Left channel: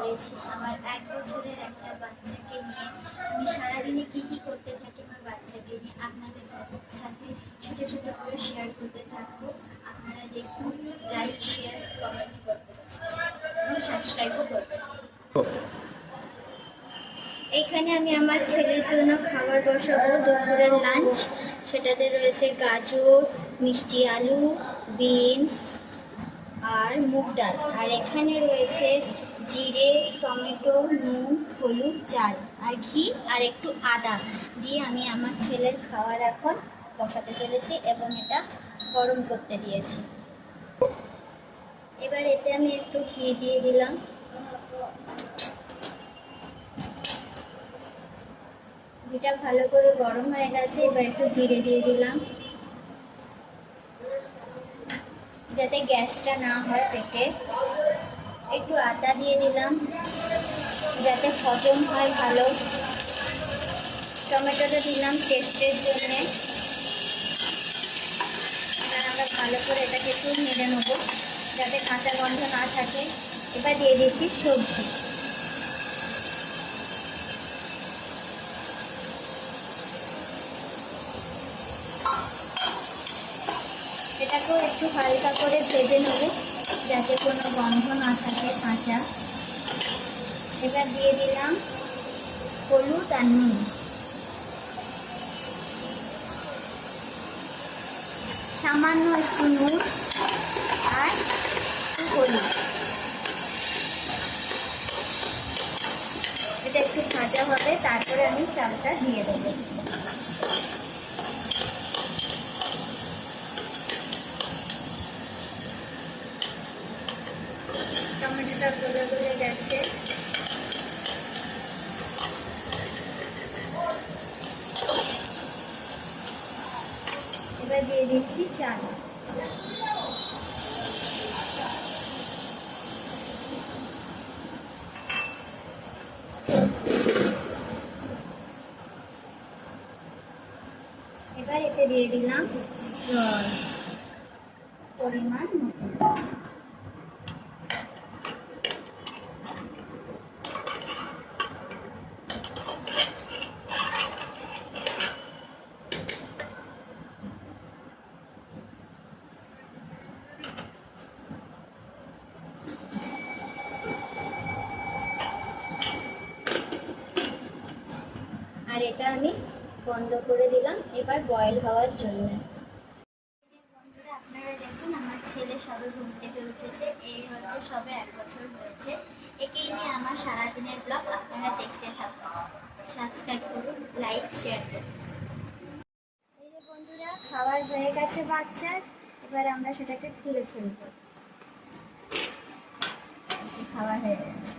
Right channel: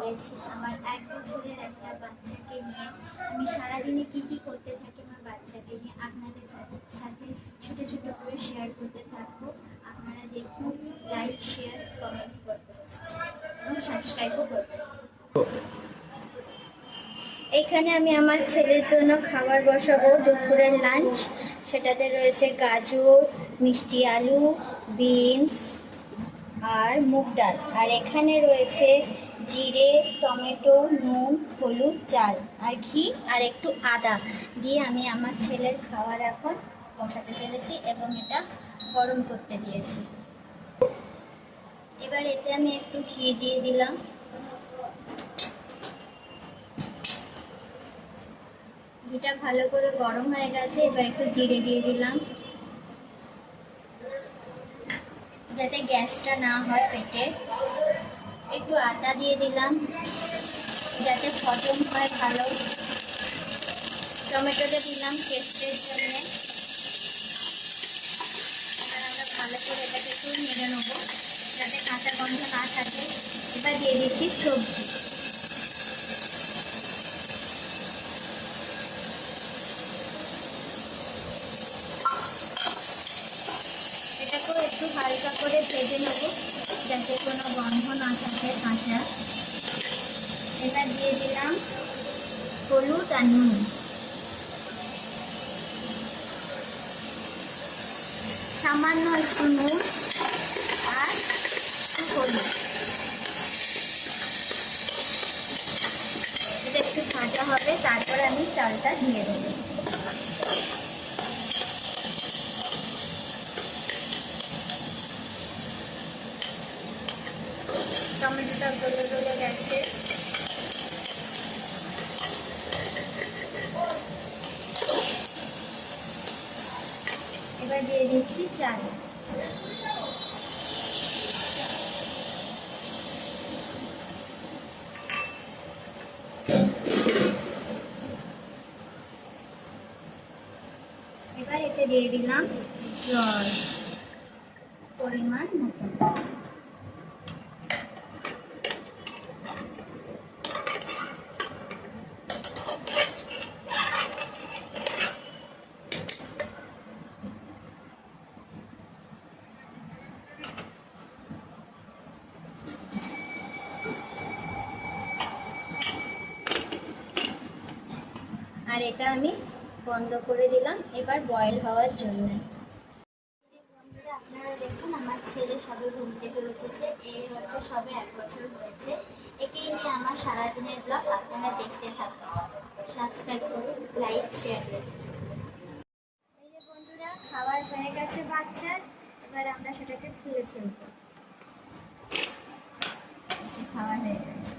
করেছি আমার 1 বছরের একটা বাচ্চাকে নিয়ে। আমি সারাদিনে কি কি করতে থাকি আমার বাচ্চাকে নিয়ে আপনাদের সাথে ছোট ছোট করে শেয়ার করতে থাকবো। আপনারা দেখুন, লাইক শেয়ার কমেন্ট করতে এবং সাবস্ক্রাইবও করবেন। এখানে আমি আমার ছেলের জন্য খাবার বসাবো, দুপুরের লাঞ্চ। সেটাতে রয়েছে গাজর, মিষ্টি আলু, বিনস আর মুগ ডাল। আর এখানে রয়েছে জিরে, টমেটো, নুন, হলুদ, চাল আর ঘি আর একটু আদা দিয়ে আমি আমার ছেলের খাবার এখন বসাতে চলেছি এবং এটা গরম করতে দিয়েছি। এবার এতে আমি একটু ঘি দিয়ে দিলাম। ঘিটা ভালো করে গরম হয়ে গেছে। এবার একটু জিরে দিয়ে দিলাম যাতে গ্যাসটা না হয় পেটে। একটু আদা দিয়ে দিলাম যাতে হজম হয় ভালো। টমেটোটা দিলাম টেস্টের জন্য। এবার আবার ভালো করে এটাকে একটু নেড়ে নেবো যাতে কাঁচা গন্ধ না থাকে। এবার দিয়ে দিচ্ছি সবজি। এটাকেও একটু হালকা করে ভেজে নেব যাতে কোনো গন্ধ না থাকে কাঁচা। এবার দিয়ে দিলাম হলুদ আর নুন। সামান্য একটু নুন আর একটু হলুদ। এটা একটু ভাজা হবে, তারপরে আমি চালটা দিয়ে দেবো। টমেটোটা গলে গলে গেছে। এবার দিয়ে দিচ্ছি চাল। এবার এতে দিয়ে দিলাম পরিমাণ মতো। আর এটা আমি বন্ধ করে দিলাম এবার বয়েল হওয়ার জন্য। বন্ধুরা আপনারা দেখুন, আমার ছেলে সবে ঘুম থেকে উঠেছে। এই হচ্ছে সবে 1 বছর হয়েছে। একেই নিয়ে আমার সারাদিনের ব্লগ আপনারা দেখতে থাকুন। সাবস্ক্রাইব করুন, লাইক শেয়ার করুন। এই যে বন্ধুরা, খাবার হয়ে গেছে বাচ্চার। এবার আমরা সেটাকে খুলে ফেলবো। খাবার হয়ে গেছে।